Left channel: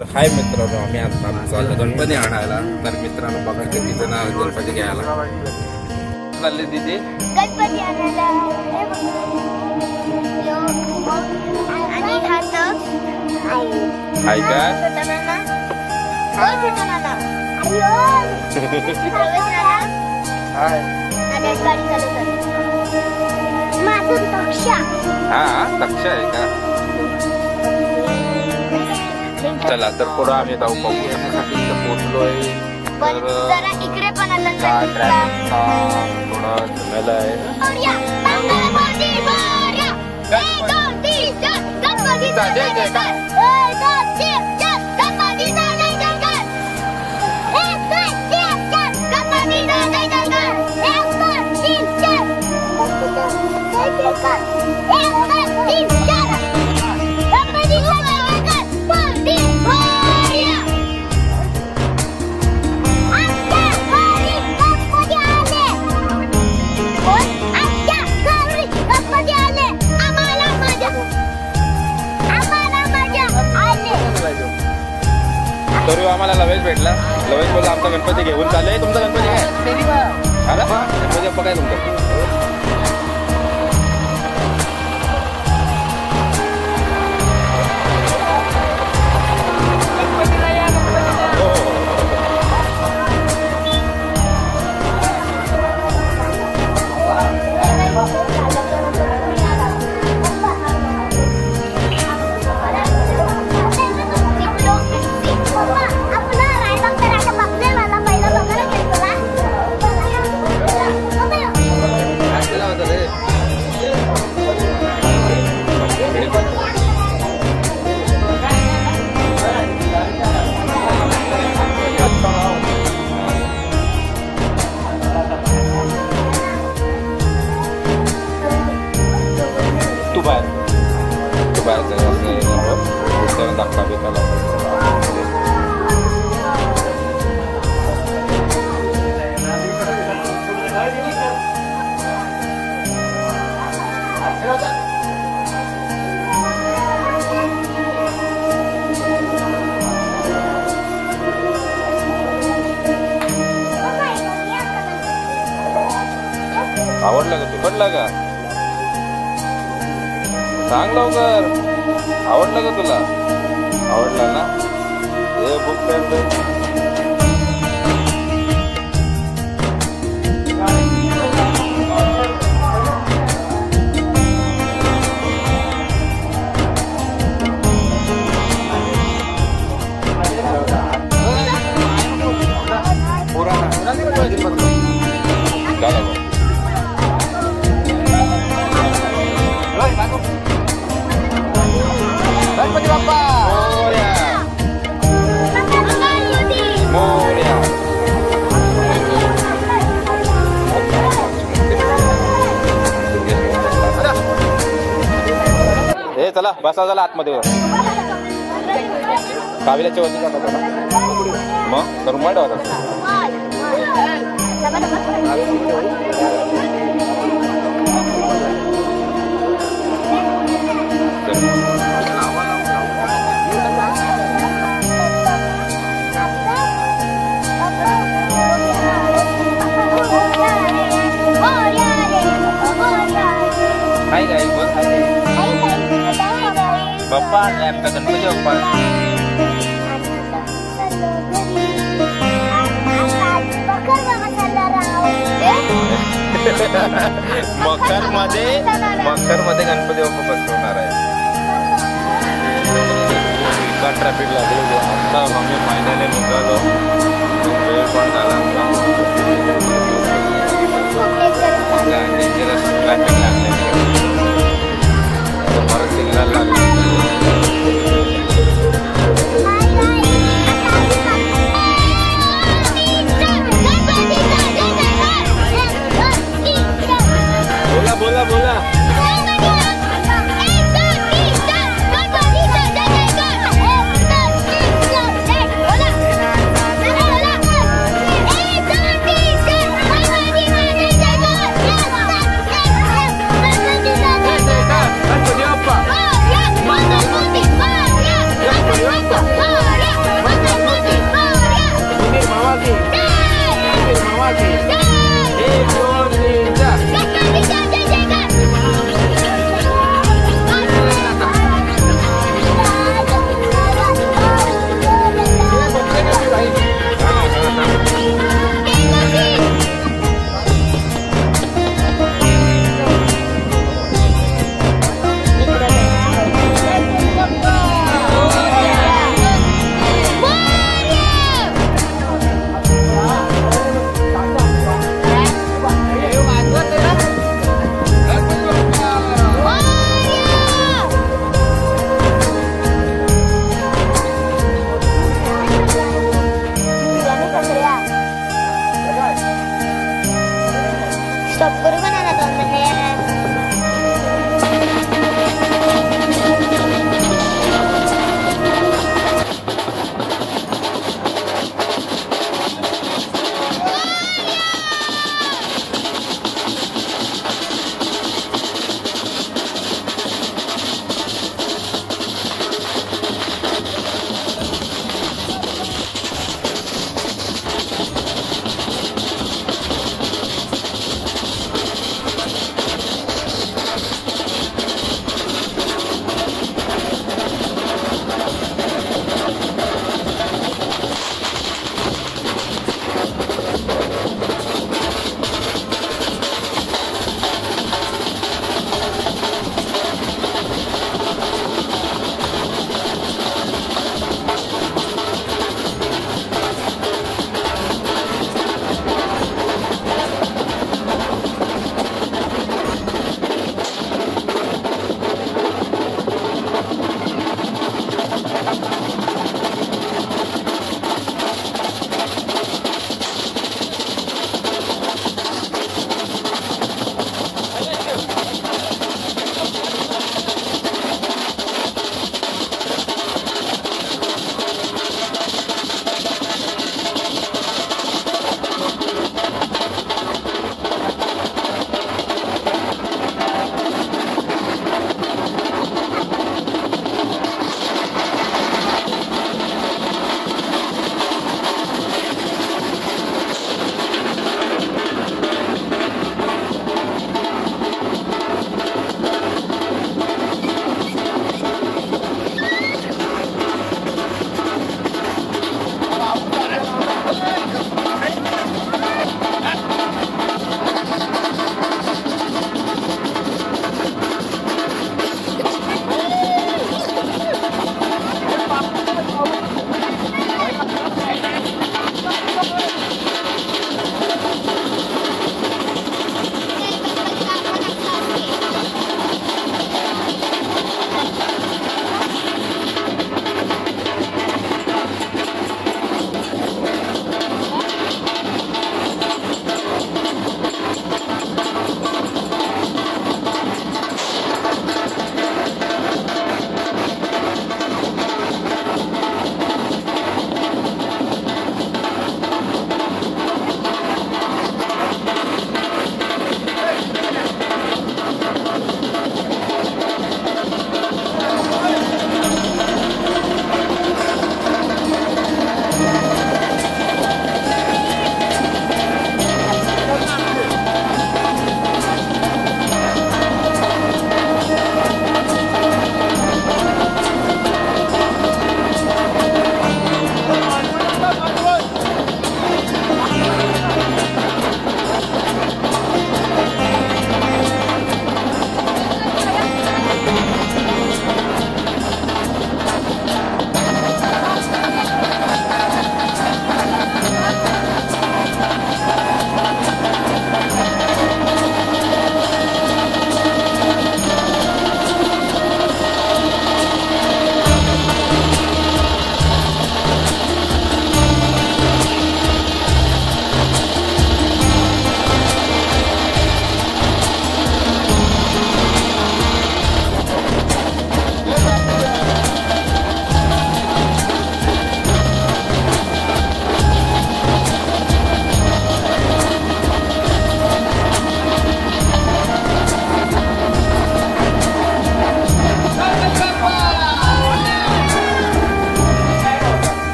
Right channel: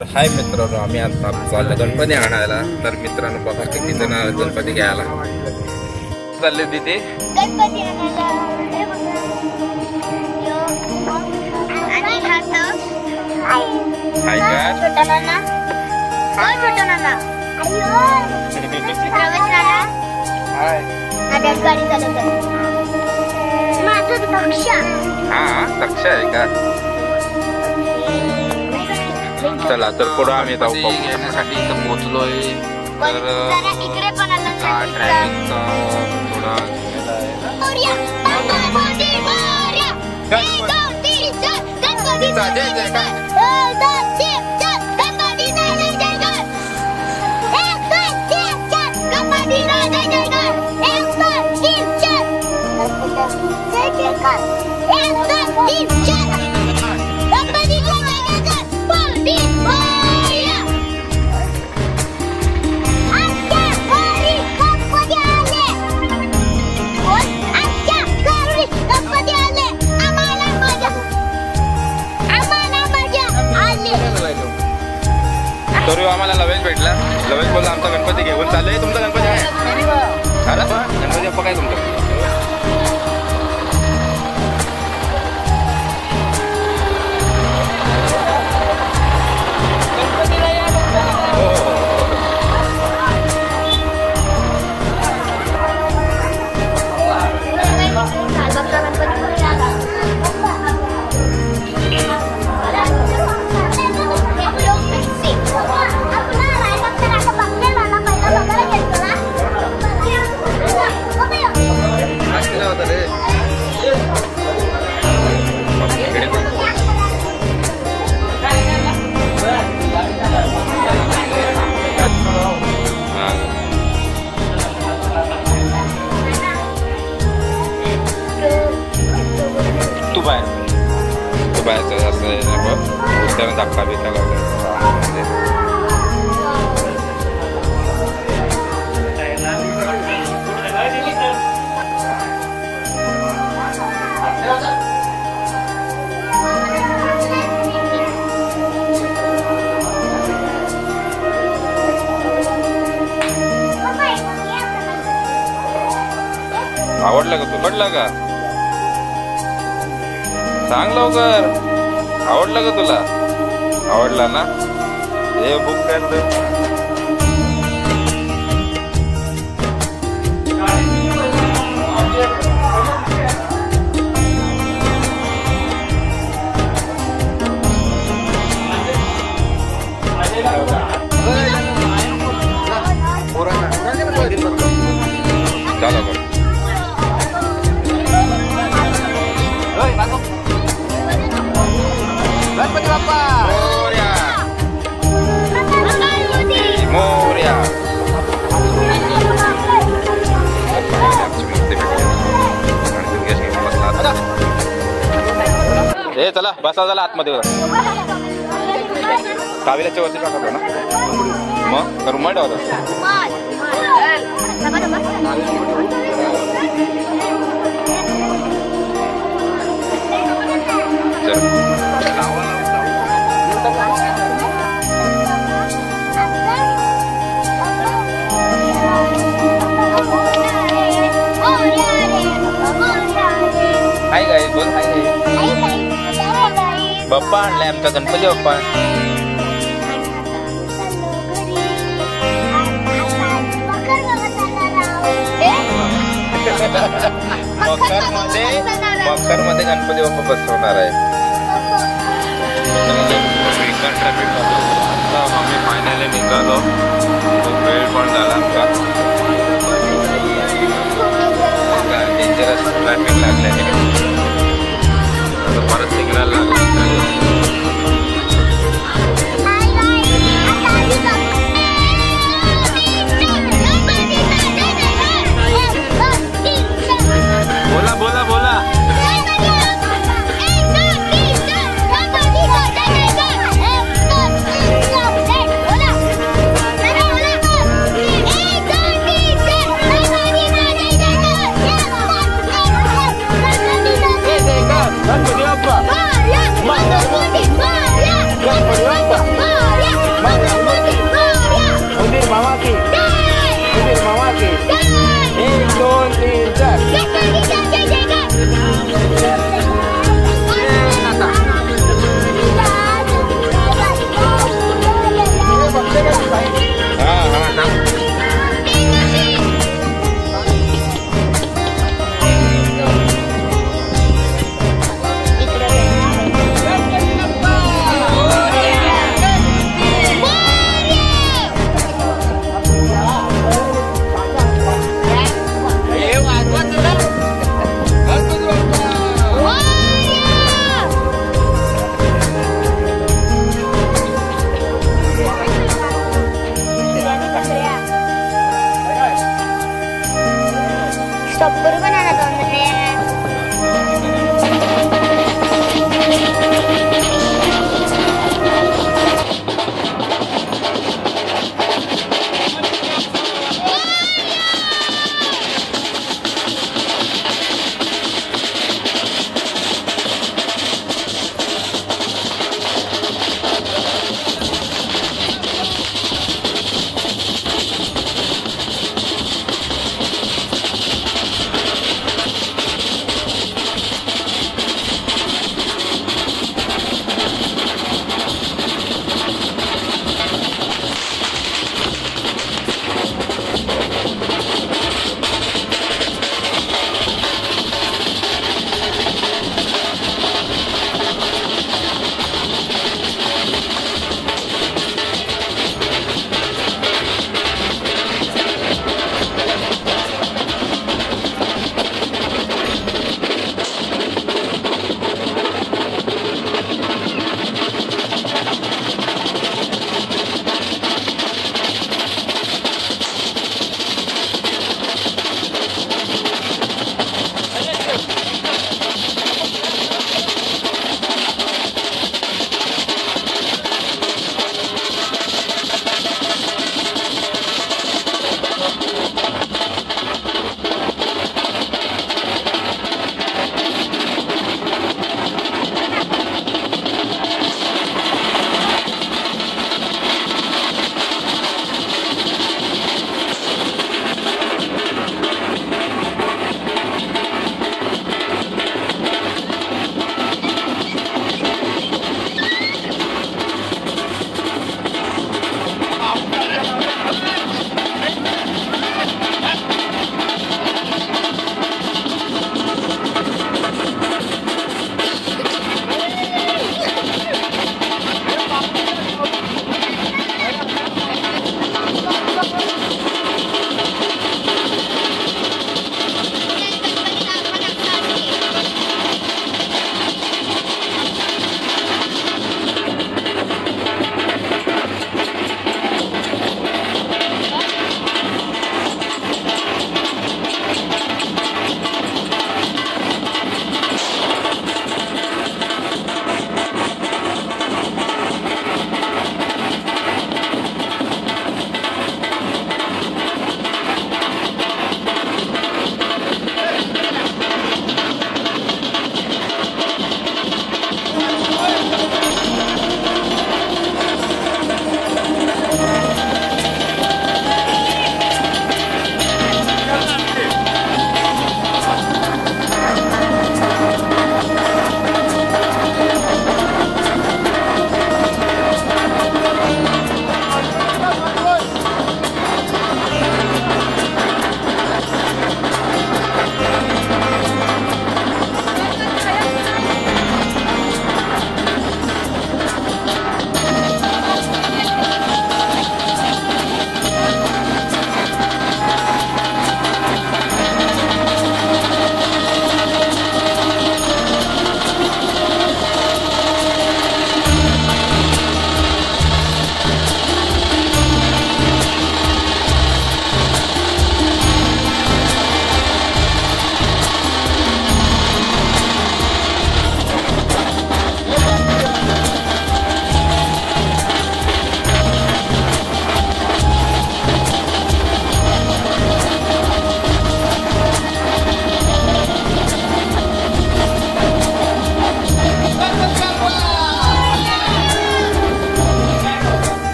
हाय मित्रांनो, आम्ही आता चाललो गणपती आणायला. तर मित्रांनो बघा किती जण गणपती घ्यायला चालले तिथे गणपती आणायला. हाय काय हा तक्ष आहे का. चला तर पुढे आम्ही जाऊ पाहण्यासाठी पोहोचलोय. तर इकडे पण थोडा जय जयकार. तरी आम्हाला लवेज भेटला. लवेज बोलला आमचा गणपती घेऊन चालले. तुमचा गणपती काय अरे गणपती बाप्पा काय तुमचं. तू बाहेरचं असं धक्का बिक्का लावला. आवडलं का तू पडला का सांग लवकर. आवडलं का तुला. आवडला ना. हे बुक कर. चला बघ मोर्या. हे चला बसा झाला आतमध्ये. काविल्याच्या वरती टाकतो ना मग तर रुमाल ठेवत हाय गाय बोल. हाय बाप्पा आणलाय आमचा गणपती बाप्पा. मकर मध्ये गणपती बाप्पा बसवणार आहे. ट्रॅफिक मध्ये आम्ही फायनली निघालो. खूप वेळ पण झाला आमचा. डेंजरस ट्रॅफिक लागलेले. आता परत सिग्नल लागला. बोला बोला बोला. Gणपती बाप्पा.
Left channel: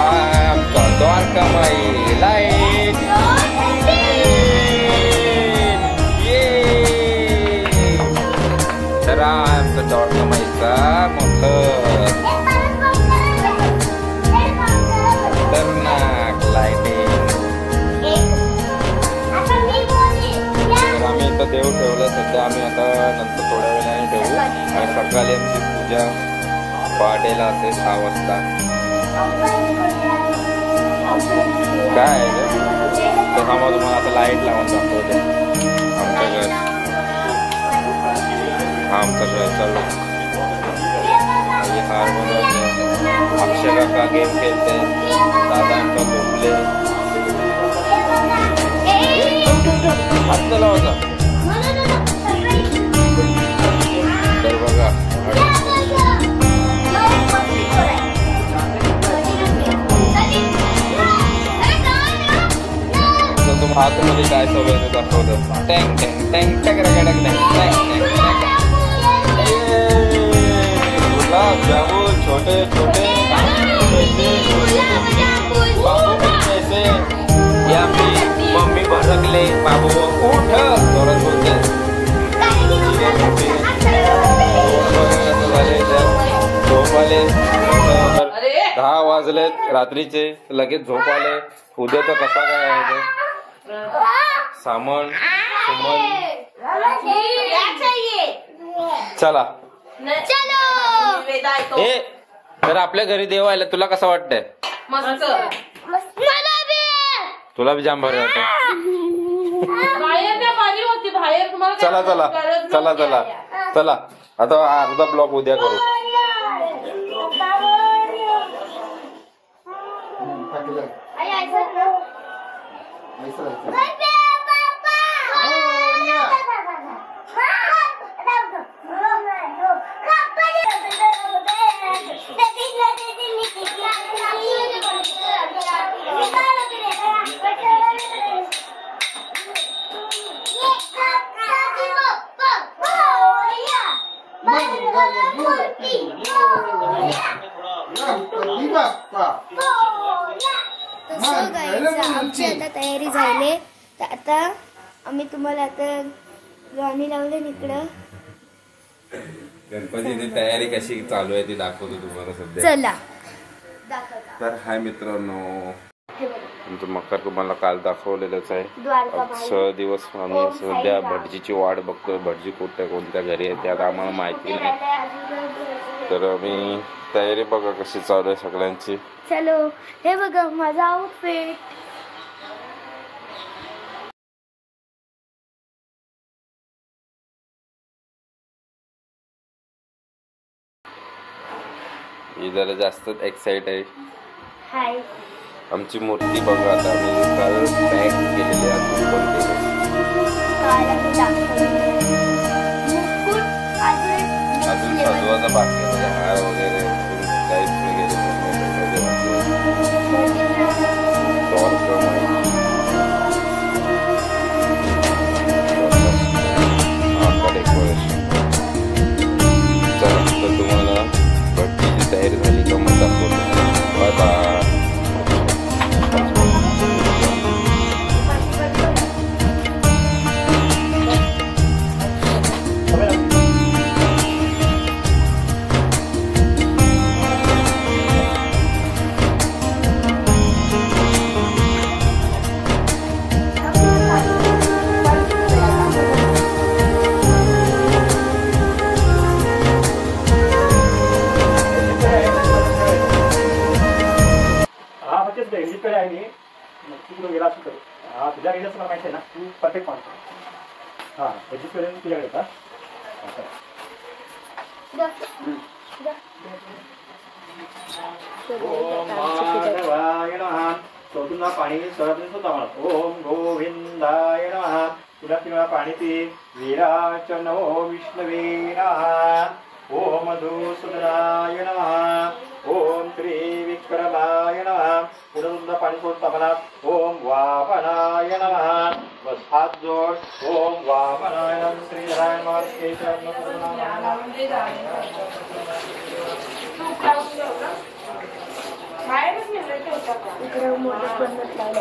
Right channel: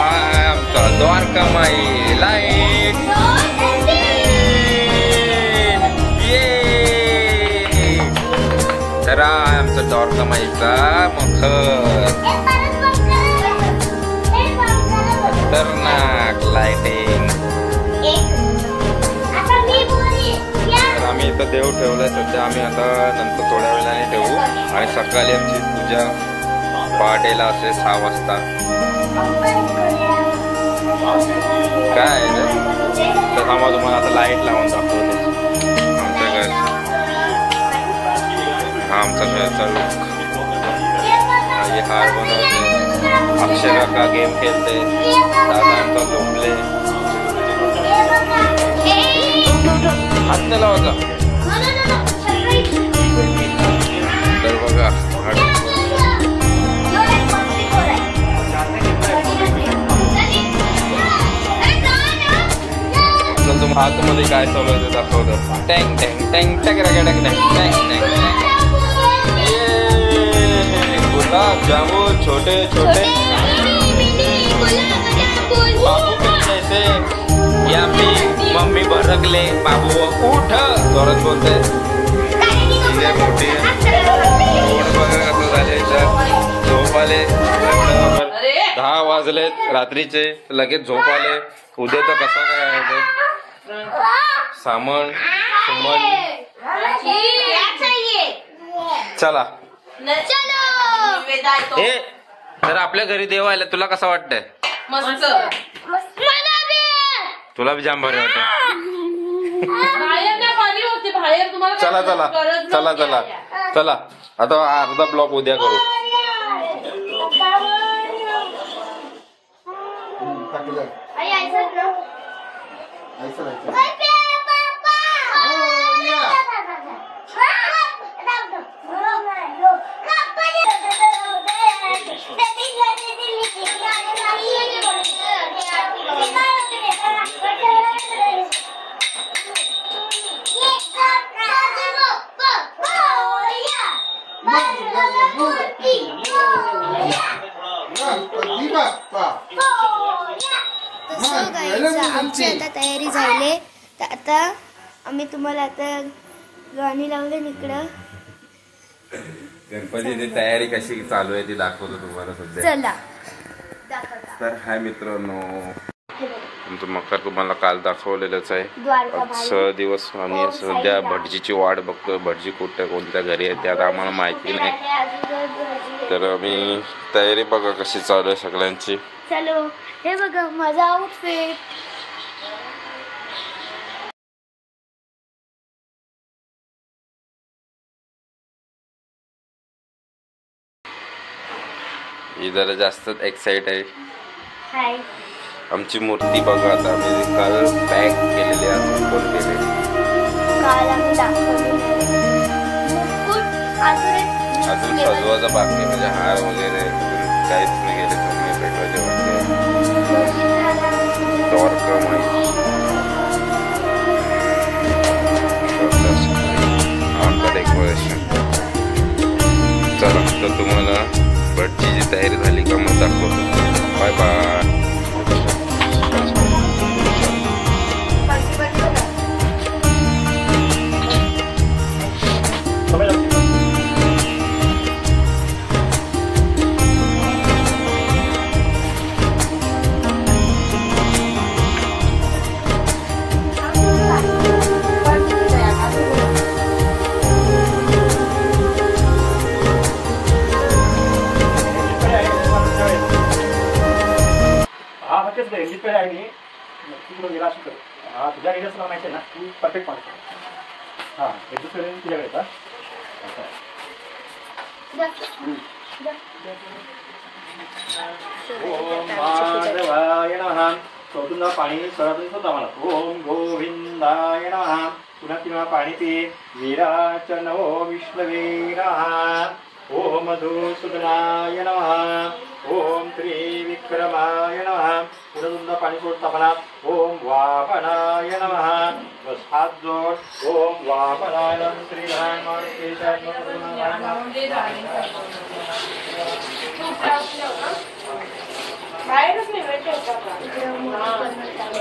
आमचा द्वारकामाई लाईट ये तर आमचा द्वारकामाईचा मखर खतरनाक लाइटिंग. तर आम्ही इथं देव ठेवलाय सध्या. आम्ही आता नंतर थोड्या वेळाने ठेवू आणि सकाळी आमची पूजा पहाटेला असेल 6 वाजता. काय रे तर थांबा तुम्हाला आता लाईट लावून दाखवतो आमच्या घर. हा आमचा घरचा लुक. हे हार बनवते. अक्षय काका गेम खेळते. दादा आमचा झोपले. हात लावायचा तर बघा. आतमध्ये काय चालू आहे ते दाखवतं. टँग टँग टँग टँग टँग टँग टँग. गुलाब जामुन छोटे छोटे बाबू जैसे या फिर मम्मी भरकले बाबू उठ जोरात बोलते. मोठी रोड वगैरे कसं झाले झोप आले. 10 वाजलेत रात्रीचे लगेच झोप आले. उद्या तर कसा काय आहे ते सामान सुमन. चला हे तर आपल्या घरी देव आले. तुला कसं वाटतंय? तुला बी जाम भारी वाटत. चला चला चला चला चला आता अर्धा ब्लॉक उद्या करू. आमची आता तयारी झाली. तर आता आम्ही तुम्हाला आता गाणी लावले इकडं. गणपतीची तयारी कशी चालू आहे ती दाखवतो तुम्हाला सध्या. चला तर हाय मित्रांनो तुमचं मकर तुम्हाला काल दाखवलेलंच आहे. 6 दिवस आम्ही सध्या भटजीची वाट बघतो. भटजी कोणत्या घरी आहे ते आता आम्हाला माहिती नाही. तर आम्ही तयारी बघा कशी चालू आहे सगळ्यांची. चलो हे बघा माझा आउटफिट. ही जरा जास्तच एक्साइट आहे. हाय आमची मूर्ती बघा आता आम्ही काल पॅक केलेली आज ओपन केले. काल आम्ही दाखवली अजून सजवायचा बाकी म्हणजे हार वगैरे अजून काहीच नाही गेले. तर मी भेटायचे वाटते द्वारकामाई आमचा डेकोरेशन. चला तर तुम्हाला भटजीची तयारी झाली का मग दाखवतो. Bye bye. तुझ्या रेडिओ तुला माहिती आहे ना. तू परफेक्ट माहिती. हां तुझ्याकडे येतात. चौथ्यांदा पाणी सरातून सुद्धा म्हणा. ओम गोविंदाय नमः. पुन्हा 3 वेळा पाणी पी. वीराचनो विष्णवे नमः. ओम मधुसूदनाय नमः. ओम त्रिविक्रमाय नमः. पुन्हा तुमचा पाणी सोडता म्हणा. ओम वामनाय नमः. बस हात जोड. ओम वामनाय नमः. श्रीराय मार्केशाय नमः. इकडं मोठी पद्धत लावली.